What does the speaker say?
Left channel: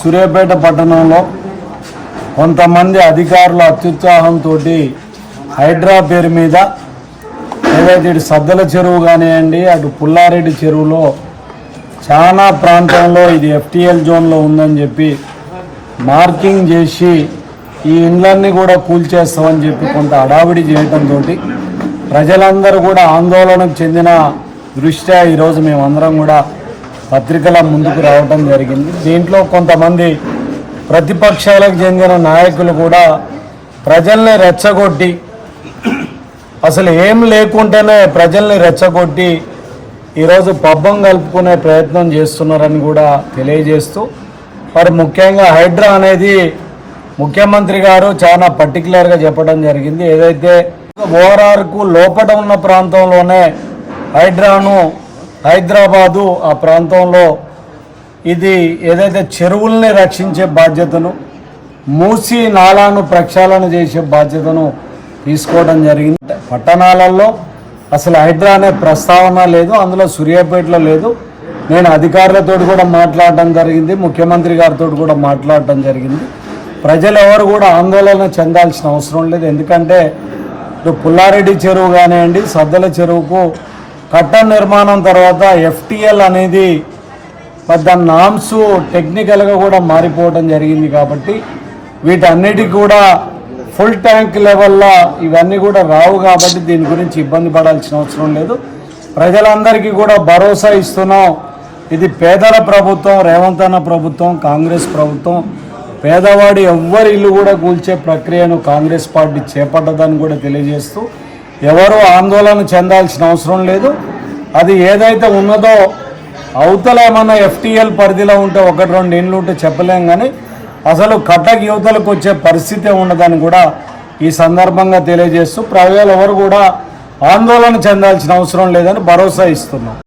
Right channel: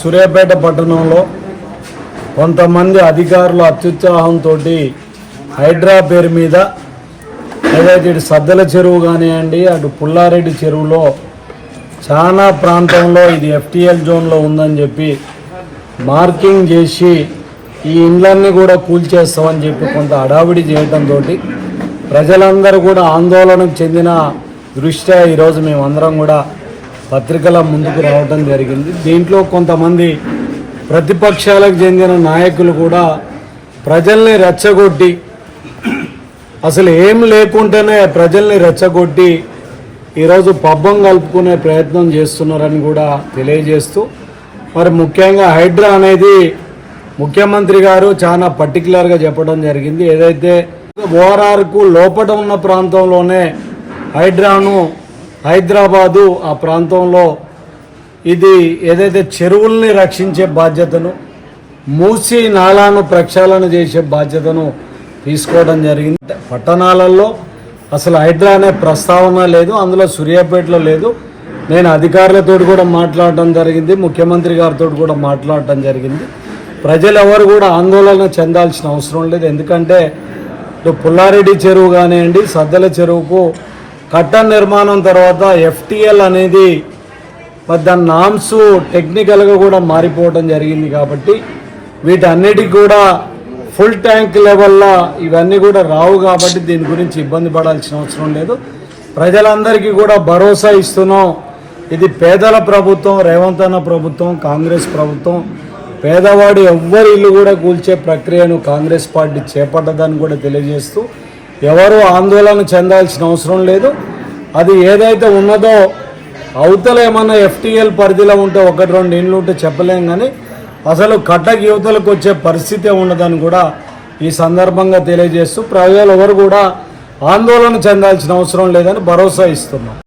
సూర్యాపేట పట్టణంలో కొంతమంది అధికారుల అత్యుత్సాహంతో హైడ్రా పేరు మీద ఏదైతే ఇటు సద్దల చెరువు కానివ్వండి అటు పుల్లారెడ్డి చెరువులో చాలా ప్రాంతంలో ఇది ఎఫ్టీఎల్ జోన్లో ఉందని చెప్పి మార్కింగ్ చేసి ఈ ఇండ్లన్నీ కూడా కూల్చేస్తామని చెప్పి కొంత హడావిడి చేయడంతో ప్రజలందరూ కూడా ఆందోళనకు చెందిన దృష్ట్యా ఈరోజు మేమందరం కూడా పత్రికల ముందుకు రావడం జరిగింది. దీంట్లో కొంతమంది ప్రతిపక్షాలకు చెందిన నాయకులు కూడా ప్రజల్ని రెచ్చగొట్టి అసలు ఏం లేకుంటేనే ప్రజల్ని రెచ్చగొట్టి ఈరోజు పబ్బం కలుపుకునే ప్రయత్నం చేస్తున్నారని కూడా తెలియజేస్తూ మరి ముఖ్యంగా హైడ్రా అనేది ముఖ్యమంత్రి గారు చాలా పర్టికులర్గా చెప్పడం జరిగింది. ఏదైతే ఓఆర్ఆర్కు లోపల ఉన్న ప్రాంతంలోనే హైడ్రాను హైదరాబాదు ఆ ప్రాంతంలో ఇది ఏదైతే చెరువుల్ని రక్షించే బాధ్యతను మూసి నాలాను ప్రక్షాళన చేసే బాధ్యతను తీసుకోవడం జరిగింది. పట్టణాలలో అసలు హైడ్రా అనే ప్రస్తావన లేదు, అందులో సూర్యాపేటలో లేదు. నేను అధికారులతో కూడా మాట్లాడటం జరిగింది, ముఖ్యమంత్రి గారితో కూడా మాట్లాడటం జరిగింది. ప్రజలు ఎవరు కూడా ఆందోళన చెందాల్సిన అవసరం లేదు. ఎందుకంటే పుల్లారెడ్డి చెరువు కానివ్వండి సద్దల చెరువుకు కట్టడ నిర్మాణం తర్వాత ఎఫ్టీఎల్ అనేది మరి దాని నామ్స్ టెక్నికల్గా కూడా మారిపోవడం జరిగింది. కాబట్టి వీటన్నిటికీ కూడా ఫుల్ ట్యాంక్ లెవెల్లో ఇవన్నీ కూడా రావు. కాబట్టి దీని గురించి ఇబ్బంది పడాల్సిన అవసరం లేదు. ప్రజలందరికీ కూడా భరోసా ఇస్తున్నాం. ఇది పేదల ప్రభుత్వం, రేవంత్ అన్న ప్రభుత్వం, కాంగ్రెస్ ప్రభుత్వం. పేదవాడి ఎవ్వరి ఇల్లు కూడా కూల్చే ప్రక్రియను కాంగ్రెస్ పార్టీ చేపట్టదని కూడా తెలియజేస్తూ ఎవరు ఆందోళన చెందాల్సిన అవసరం లేదు. అది ఏదైతే ఉన్నదో అవతల ఏమన్నా ఎఫ్టీఎల్ పరిధిలో ఉంటే ఒకటి రెండు ఇండ్లు ఉంటే చెప్పలేం, కానీ అసలు కట్టకి యువతలకు వచ్చే పరిస్థితి ఉండదని కూడా ఈ సందర్భంగా తెలియజేస్తూ ప్రజలు ఎవరు కూడా ఆందోళన చెందాల్సిన అవసరం లేదని భరోసా ఇస్తున్నాం.